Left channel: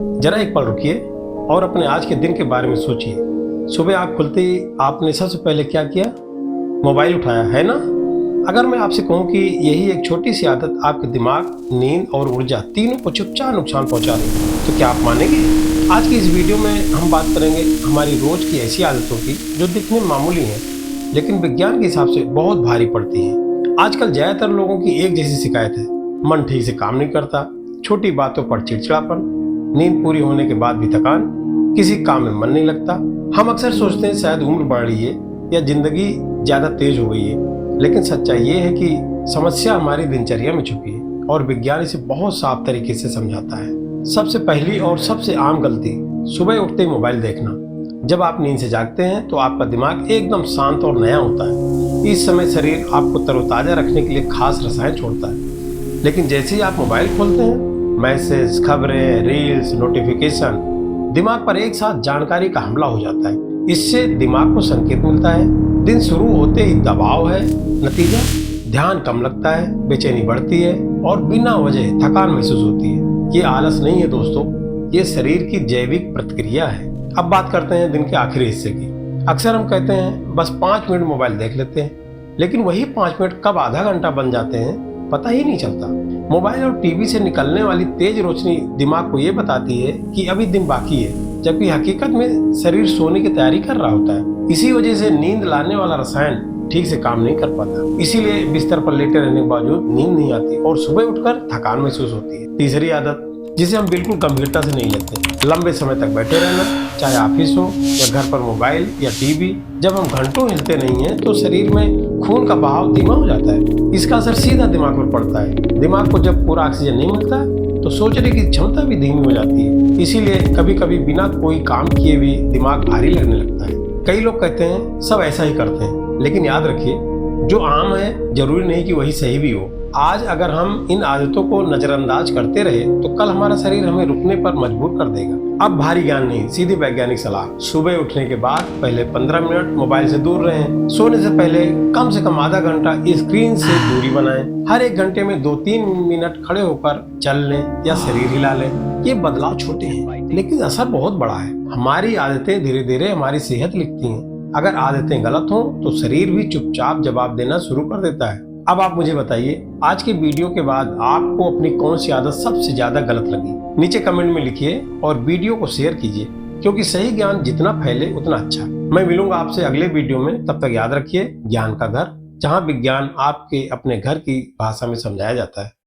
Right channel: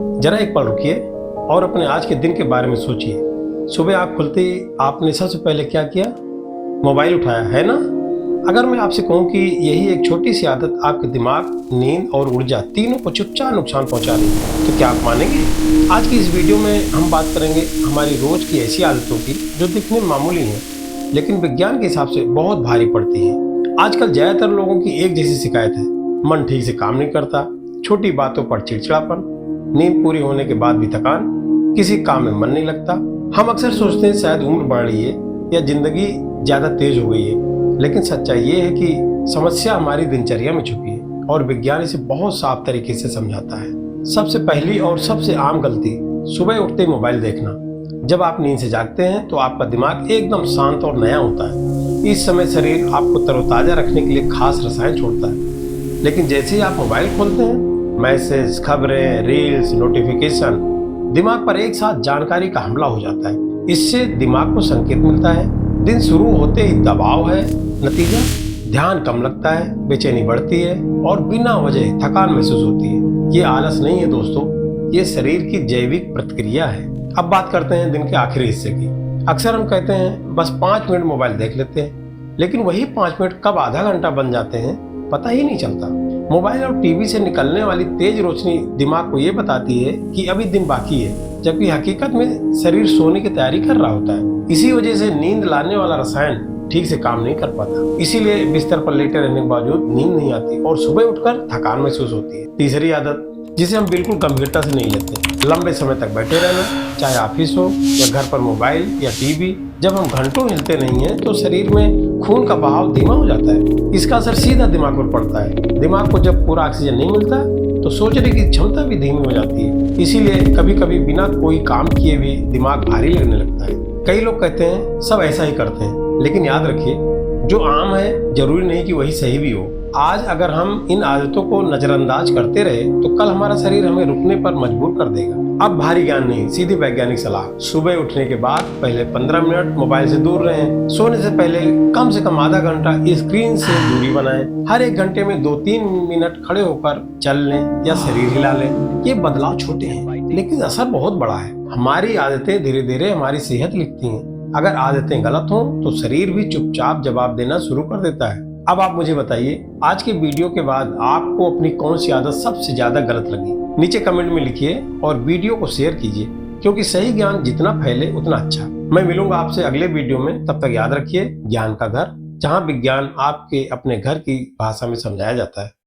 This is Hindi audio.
जरा एक पल रुकिए और अपने आज के दिन के बारे में सोचिए। सुबह आँख खुलते ही आपने सबसे पहले क्या किया? मोबाइल उठाया, है ना? अगर मैं आपसे कहूं कि यही एक छोटी सी आदत आपके दिमाग, नींद और ऊर्जा तीनों को चुपचाप नुकसान पहुंचा रही है, तो क्या आप मानेंगे? आज की इस वीडियो में हम बात करेंगे हमारी रोज की ऐसी आदतों की जो दिखने में मामूली हैं, लेकिन विज्ञान के हिसाब से बहुत भारी पड़ती हैं। आजकल ज्यादातर लोगों की एक जैसी शिकायत है, मन ठीक से काम नहीं करता, छोटी बातों पर चिड़चिड़ापन, नींद पूरी होने के बाद भी थकान, किसी काम में मन नहीं लगता। हम अक्सर सोचते हैं शायद उम्र बढ़ रही है या जिंदगी ज्यादा तेज हो गई है, लेकिन सच्चाई ये है कि समस्या हमारी दिनचर्या में छुपी है और विज्ञान इसे बहुत साफ तरीके से समझाता है। सबसे पहली और सबसे आम गलती, सुबह उठते ही मोबाइल देखना। जब आप नींद से जागते हैं तो आपका दिमाग एकदम शांत और नया होता है। इस समय शरीर आपको तरोताजा रखने के लिए खास रसायन छोड़ता है, लेकिन जैसे ही आप मोबाइल खोलते हैं, मैसेज, खबरें, रील्स, नोटिफिकेशन, दिमाग पर एक साथ जानकारी का हमला हो जाता है। इससे दिमाग को संकेत मिलता है, दिन शुरू होते ही दबाव है। नतीजा, ध्यान कम लगता है, बेचैनी बढ़ती है और बिना वजह थकान महसूस होती है। ये आलस नहीं है दोस्तों, ये शरीर की जैविक प्रतिक्रिया है। अब बात करते हैं दिन के आखिरी हिस्से की। अक्सर हम कहते हैं बस 5 मिनट मोबाइल देख लेते हैं, लेकिन वही 5 मिनट कब आधा घंटा बन जाते हैं पता ही नहीं चलता। मोबाइल और टीवी से निकलने वाली तेज रोशनी दिमाग को ये बताती है कि अभी दिन बाकी है, जबकि हकीकत में शरीर सोने की तैयारी कर रहा होता है। इसी वजह से नींद लाने वाला रसायन ठीक से काम नहीं कर पाता, इसीलिए बिस्तर पर लेटे रहने के बावजूद नींद नहीं आती और सुबह उठकर थकान महसूस होती है। तीसरी आदत, जिसे हम बिल्कुल गंभीरता से नहीं लेते, लंबे समय तक बैठे रहना, चाहे ऑफिस हो या घर पर मोबाइल या टीवी। जब हम घंटों हिलते नहीं हैं तो शरीर में खून का बहाव धीमा हो जाता है। इसका असर सीधा दिमाग पर पड़ता है। दिमाग को जब पूरा ऑक्सीजन नहीं मिलता तो सोचने की क्षमता भी धीमी हो जाती है। इसीलिए कभी कभी बिना कोई काम किए भी दिमाग भारी लगने लगता है। कई लोग कहते हैं सब ऐसा ही करते हैं, लेकिन याद रखिए, जो आम है जरूरी नहीं कि वही सही भी हो। आज अगर हम इन आदतों को नजरअंदाज करते रहे तो कल हमारा शरीर हमें रुकने पर मजबूर कर देगा। अब भारी ज्ञान नहीं, सीधी वैज्ञानिक सलाह। सुबह उठने के बाद पहले 15 मिनट मोबाइल से दूर रहें। सोने से पहले कम से कम आधा घंटा स्क्रीन से दूरी बनाएं। हर एक घंटे में 2-3 मिनट खड़े होकर चल लें या शरीर हिला लें। ये बदलाव छोटे हैं, लेकिन असर बहुत बड़ा है। हमारी आदतें धीरे धीरे हमारी सेहत लिखती हैं। अगर आदतें गलत हों तो शरीर भी चुपचाप जवाब देना शुरू कर देता है। अब आप मुझे बताइए, आज के वीडियो के बाद आपको अपनी कौन सी आदत सबसे ज्यादा गलत लगी? नीचे कमेंट में लिखिए और वीडियो को शेयर कीजिए, क्योंकि सही ज्ञान जितना फैले उतना अच्छा। मैं मिलूंगा आपसे अगले वीडियो में। तब तक याद रखिए, ज्ञान का घर, जहाँ विज्ञान आपके अपने घर की भाषा में समझाया जाता है।